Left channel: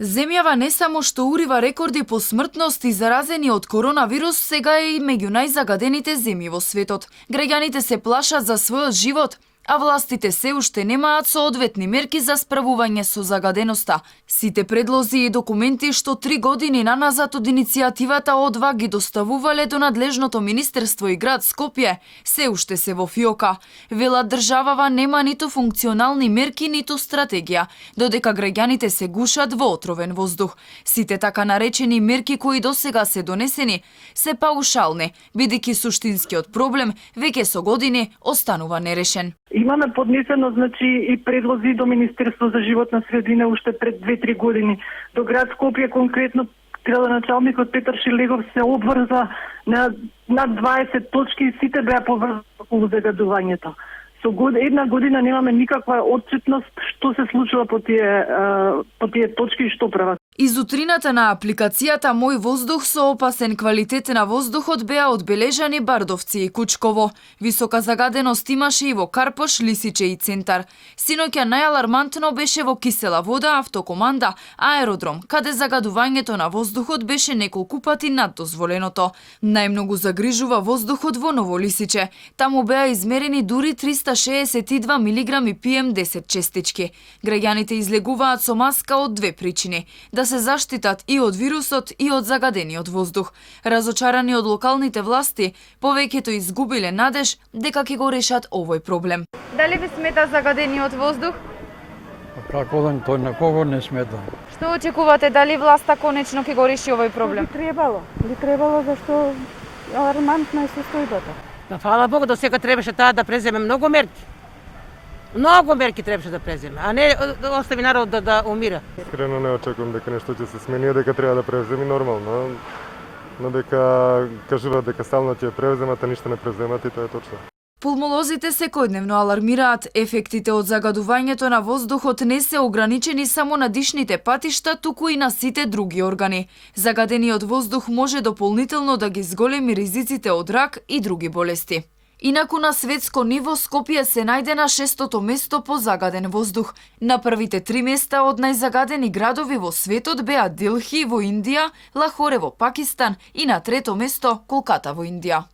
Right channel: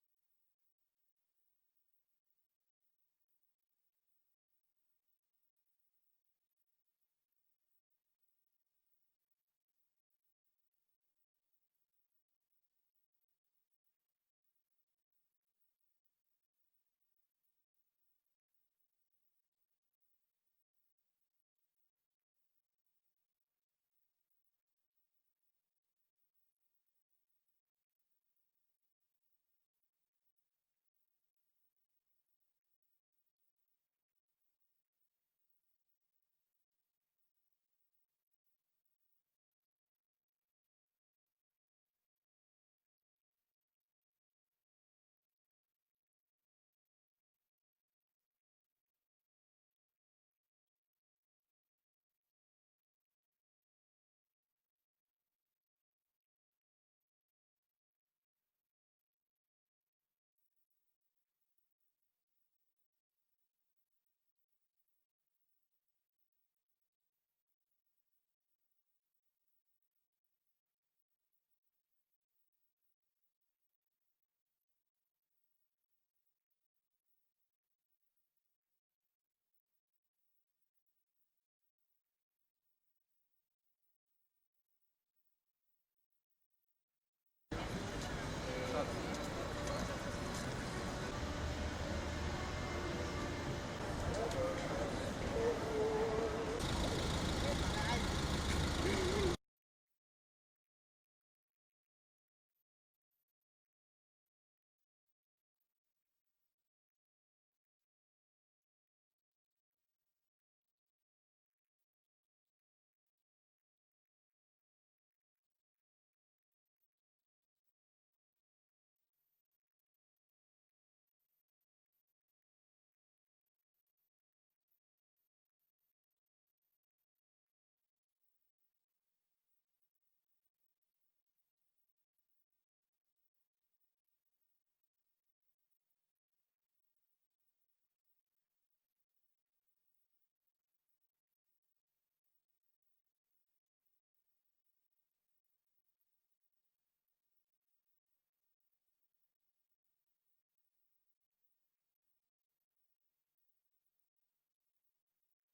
Земјава не само што урива рекорди по смртност и заразени од коронавирус, сега е и меѓу најзагадените земји во светот. Граѓаните се плашат за својот живот, а властите се уште немаат соодветни мерки за справување со загаденоста. Сите предлози и документи што 3 години наназад од иницијативата ОДВА ги доставувале до надлежното министерство и град Скопје, се уште се во фиока. Велат државава нема ниту функционални мерки, ниту стратегија, додека граѓаните се гушат во отровен воздух. Сите така наречени мерки кои досега се донесени се паушални, бидејќи суштинскиот проблем веќе со години останува нерешен. Имаме поднесено и предлози до Министерство за животна средина уште пред 2-3 години. До град Скопје конкретно градоначалникот Петар Шилегов се обврза на над 20 точки и сите беа поврзани околу загадувањето. Со една година немаме никаква отчетност што се случува по тие точки и што прават. Изутрината на апликацијата Мој воздух со опасен квалитет на воздухот беа одбележани Бардовци и Кучково. Висока загаденост имаше и во Карпош, Лисиче и Центар. Синоќа најалармантно беше во Кисела вода, Автокоманда, Аеродром, каде загадувањето на воздухот беше неколку пати над дозволеното. Најмногу загрижува воздухот во Ново Лисиче. Таму беа измерени дури 362 милиграми PM10 честички. Граѓаните излегуваат со маска од две причини: да се заштитат и од вирусот и од загадениот воздух. Разочарани од локалните власти, повеќето изгубиле надеж дека ќе го решат овој проблем. Дали ви смета загадениот воздух? Како да тој на кого не смета? Што очекувате, дали власта конечно ќе го реши овој проблем? Би требало зашто алармантна е состојбата. Фала Богу, до сега требаше таа да преземе многу мерки. Многу мерки требаше да преземе, а не да остави народ да умира. Искрено не очекувам дека нешто ќе се смени, дека треба да преземи нормално. Но дека кажуваат дека стално ќе преземат, а ништо не преземат и тоа е точно. Пулмолозите секојдневно алармираат. Ефектите од загадувањето на воздухот не се ограничени само на дишните патишта, туку и на сите други органи. Загадениот воздух може дополнително да ги зголеми ризиците од рак и други болести. Инаку на светско ниво Скопје се најде на 6-то место по загаден воздух. На првите 3 места од најзагадени градови во светот беа Делхи во Индија, Лахоре во Пакистан и на 3-то место Колката во Индија.